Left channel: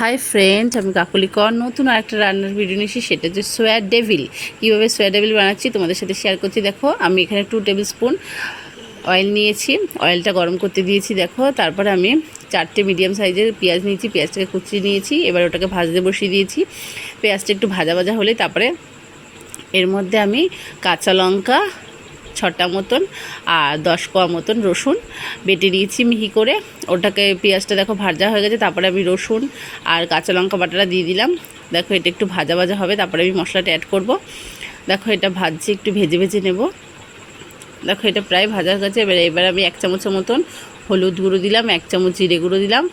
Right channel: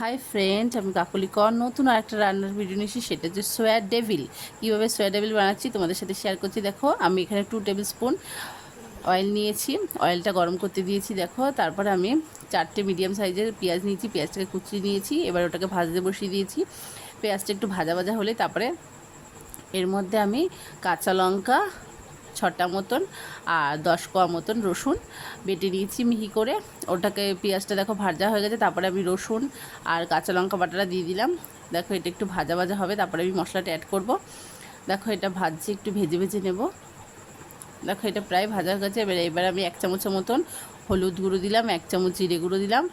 Hi friend, আমি কাকলি কর নতুন আরেকটা রান্নার ভিডিও নিয়েছি। সেটা হচ্ছে সোয়া ডেভিল। কীভাবে সোয়া ডেভিল বানাচ্ছি তোমাদের সাথে শেয়ার করছি। দেখো, আমি এখানে 2 টেবিল স্পুন অয়েল নিয়েছি। অয়েলটা গরম করতে দিয়েছি। দেখো, তারপরে আমি 4টে মিডিয়াম সাইজের পেঁয়াজ নিয়েছি। পেঁয়াজটাকে কুচিয়ে নিয়েছি। এবার ওটাকে ভাজতে বসিয়ে দিয়েছি। পেঁয়াজটা একটু ভাজা ভাজা হলে তারপরে এর মধ্যে আমি কাঁচা লঙ্কা 6টা মতন আর 10 কোয়া মতন রসুন বেটে নিয়েছি মিহি করে। ওটাকে পেঁয়াজটা দেখো ভাজা হয়ে গেছে। তারপরে আমি রসুন আর কাঁচা লঙ্কা বাটাটা দিয়ে দিলাম। দেখো, এটা একটু ভাজা ভাজা হবে। তারপরে আমি মশলাটা অ্যাড করব। দেখো, এটা ভাজছি, একটু ভেজে ভেজে নেব। দেখো, এটা প্রায় ভাজা হয়ে গেছে। এবার আমি 1 চামচের মতন হলুদ গুঁড়ো দিলাম, 1 চামচ জিরে গুঁড়ো দিলাম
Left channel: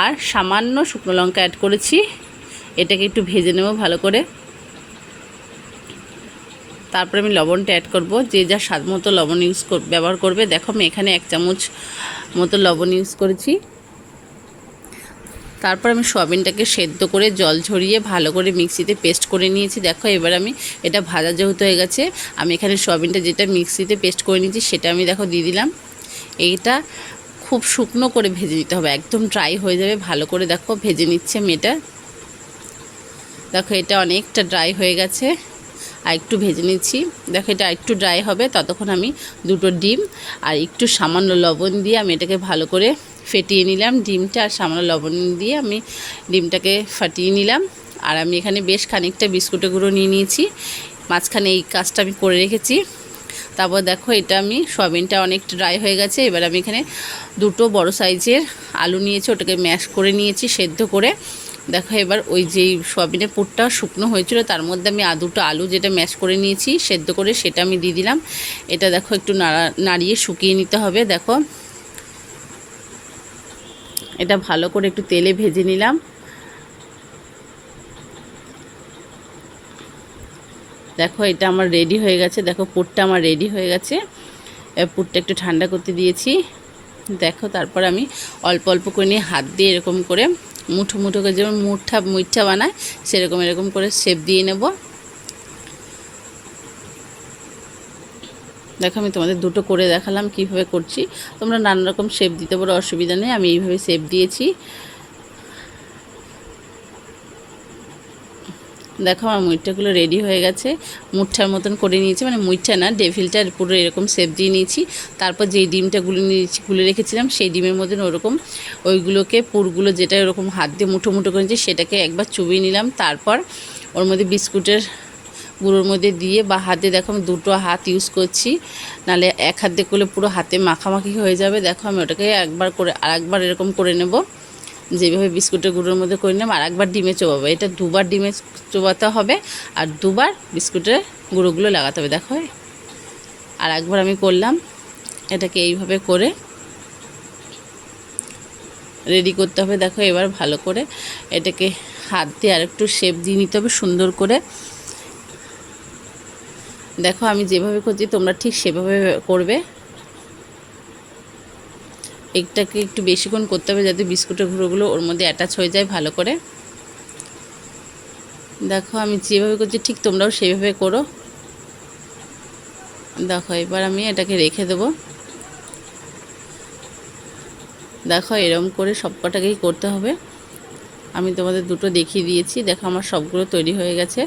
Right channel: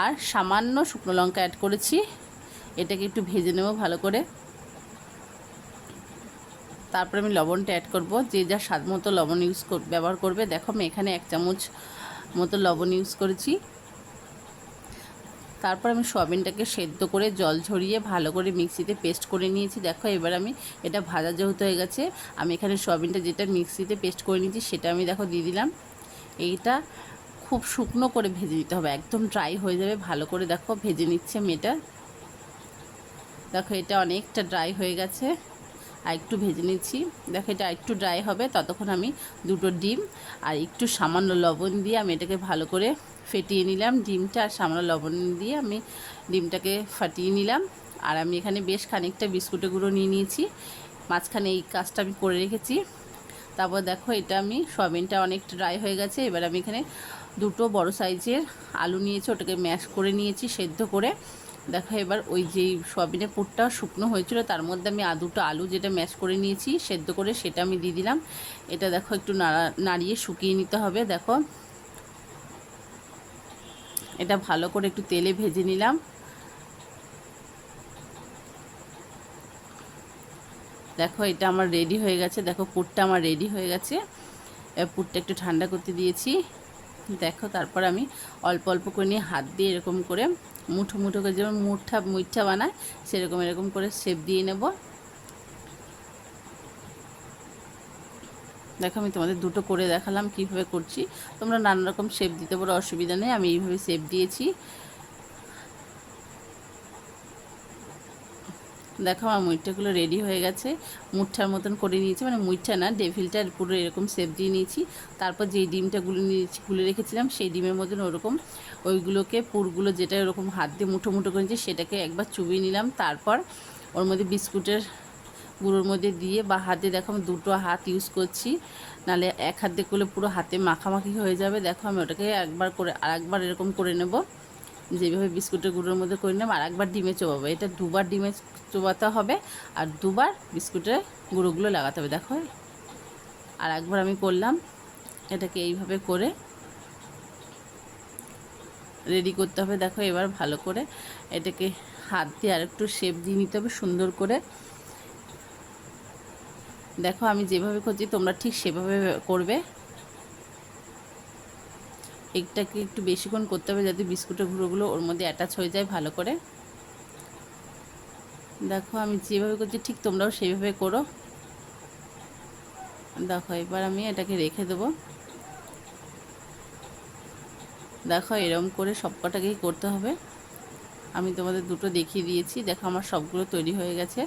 আর সামান্য শুকনো লঙ্কা অ্যাড করেছি। এটাকে একটু ভেজে নেব ভালো করে। তারপরে আমি লবণটা অ্যাড করব। যে যা স্বাদ মতো লবণ ব্যবহার করবে। দেখো, আমি এখানে 1 চামচ মতো লবণ ইউজ করেছি। তারপর আমি সয়াবিনটাকে সেদ্ধ করে জল ঝরিয়ে ভালো করে মিক্সিতে পেস্ট করে নিয়েছি। দেখো, এবার আমি এটা ভাজা যেহেতু হয়ে গেছে, আমি এখানে সয়াবিনটা যেটা মিক্সিতে পেস্ট করে নিয়েছি সেটা আমি দেখো দিয়ে দিলাম। এইটা খুব শুকনো করে ভেজে নিতে হবে, একদম ড্রাই হয়ে যাবে। ভালো করে দেখো ভেজে নিচ্ছে আমি এটা। দেখো, এটা অনেকটা ড্রাই হয়ে গেছে, আর একটু ভেজে নিচ্ছি। দেখো, এটা একটু ড্রাই হবে, ততক্ষণ আমি 2টো ডিম আর একটু সামান্য লবণ দিয়ে আমি এটাকে ভালো করে ফেটিয়ে নিলাম। ডিমটা আর সামান্য লবণ দিয়ে আমি ডিমটাকে ফাটিয়ে নিলাম। আর আমি এখানে বেশ খানিকটা বিস্কুটের গুঁড়ো নিয়ে নিয়েছি। মাঝখানে এই কাজটা আমি করে রেখেছি। তারপর দেখো, এটা আমি সয়াবিনটা অনেকটা ড্রাই হয়ে গেছে। এবার আমি এখানে 2টো বড় সাইজের আলু নিয়েছি, ওটাকে ম্যাশ করে নিয়েছি সেদ্ধ করে। দেখো, এবার ওই যেই সয়াবিনের পুরটা শুকনো হয়েছিল তার মধ্যে আমি 2টো আলু যেটা ম্যাশ করে নিয়েছি সেদ্ধ করে সেটা আমি দিয়ে দিলাম। এটা দেখো একটু নাড়িয়ে শুকিয়ে নিতে হবে। দেখো, এটা ভালো করে একটু তেলে ভেজে নিলাম। দেখো, এটা আমার রেডি হয়ে গেছে। দেখো, পুরটা আমার রেডি হয়ে গেছে। পুরটা একটু ঠান্ডা করতে দিয়েছি। দেখো, তারপর আমি অল্প অল্প করে নিয়ে হাত দিয়ে এরকম করে মুঠো মুঠো করে, যেমন মুঠা বানায় সেরকম এরকম করে শেপ দিয়ে নেব। দেখো, আমি তোমাদের 2টো করে দেখালাম কিভাবে করছি। তোমরা নানা রকম শেপ দিতে পারো, অসুবিধা নেই। আমি এইভাবে শেপ দিয়েছি। দেখো, আমার মুইঠাগুলো রেডি হয়ে গেছে। মুঠার মতন করে নিয়েছি, মানে মুইঠা না, ডেভিলটার পুরো এরকম শেপ দিয়ে নিয়েছি। তারপর যেই ডিমটা গুলে রেখেছিলাম সেই ডিমের মতন ওরকম ওইগুলোকে পুরগুলো যেটা এরকম হাত দিয়ে মুঠো মুঠো করে নিয়েছি সেটাকে একবার চুবিয়ে নিলাম। তারপর ওর মধ্যে বিস্কুটের গুঁড়োর মধ্যে দিয়ে বা হাতে, দেখো আমি 2টো হাত ইউজ করছি, নাহলে এক হাত দিয়ে করলে পুরো হাতে মাখামাখি হয়ে যাবে। দেখো, আমি ওটাকে একবার করে আরেকবার এরকম করে নেব, যেভাবে বিস্কুটের গুঁড়োর মধ্যে করে নিলাম। আর একবার ডিমে চোবাবো। এটা 2বার ডিমে চোবাতে হবে আর 2বার বিস্কুটের গুঁড়োগুলো লাগাতে হবে। দেখো, আর একবার আমি করলাম। এটাকে এইভাবে করে রেডি করতে হবে। দেখো, এবার ভালো করে এটাকে হাত দিয়ে আর একটু শেপ দিয়ে নিতে হবে সুন্দর করে। দেখো, আমি যেভাবে করছি তোমরা ঠিক সেভাবে করবে। এটাকে একটু বেশিক্ষণ করতে হবে যাতে বিস্কুটের গুঁড়োগুলো ওর মধ্যে অ্যাটাচ হয়ে যায় ভালো করে। দেখো, আমি যেভাবে করছি ঠিক তোমরাও সেভাবে করো। দেখো, এবার আমি এটাকে রেখে দেবো। দেখো, এরকম করে সব কটাকেই করতে হবে। আমি তোমাদের 2টো দেখিয়ে দিয়েছি। দেখো, আমার সবগুলো তৈরি হয়ে গেছে।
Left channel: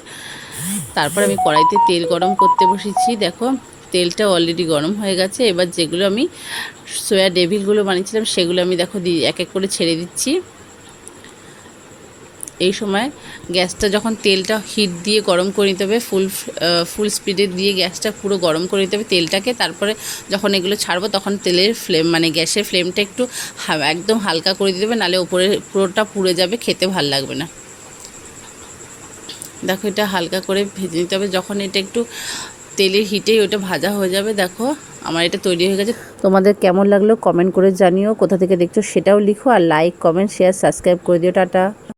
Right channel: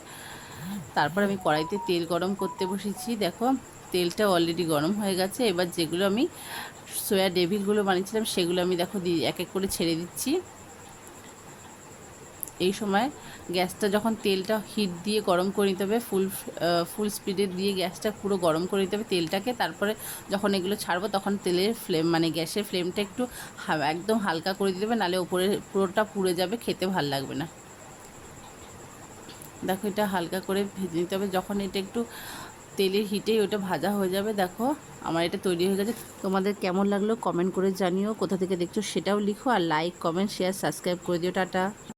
তারপর আমি কড়াইতে তেল গরম করতে বসেছি। দেখো, তেলটা অলরেডি গরম হয়ে গেছে। এবার যেগুলো আমি সোয়া ডেভিলগুলো বানিয়েছিলাম সেগুলো আমি দেখো এক এক করে ছেড়ে দিচ্ছি। এই সময় গ্যাসটা যখন তেলটা হিট দিয়ে গরম করে নিতে হবে, ফুল স্পিডে দিয়ে গ্যাসটা পুরো গরম করে নিতে হবে তেলটাকে। তারপরে যখন এগুলো ছাড়বো তখন তেলের ফ্লেম, মানে গ্যাসের ফ্লেমটা একটু একদম হালকা করে দিতে হবে, নাহলে উপরে পুরোটা পুড়ে যাবে, খেতে ভাল লাগবে না। দেখো, এটা হালকা করে ভেজে নিতে হবে। যখন এটা একটু তেলের হিটেই ওটা ভাজা হয়ে যাবে। দেখো, আমার এটা তৈরি হয়ে গেছে। তোমাদের কেমন লাগলো কমেন্ট করে জানিও, কোথা থেকে দেখছো সেটাও লিখো, আর লাইক কমেন্ট শেয়ার সাবস্ক্রাইব করে দিও। টাটা।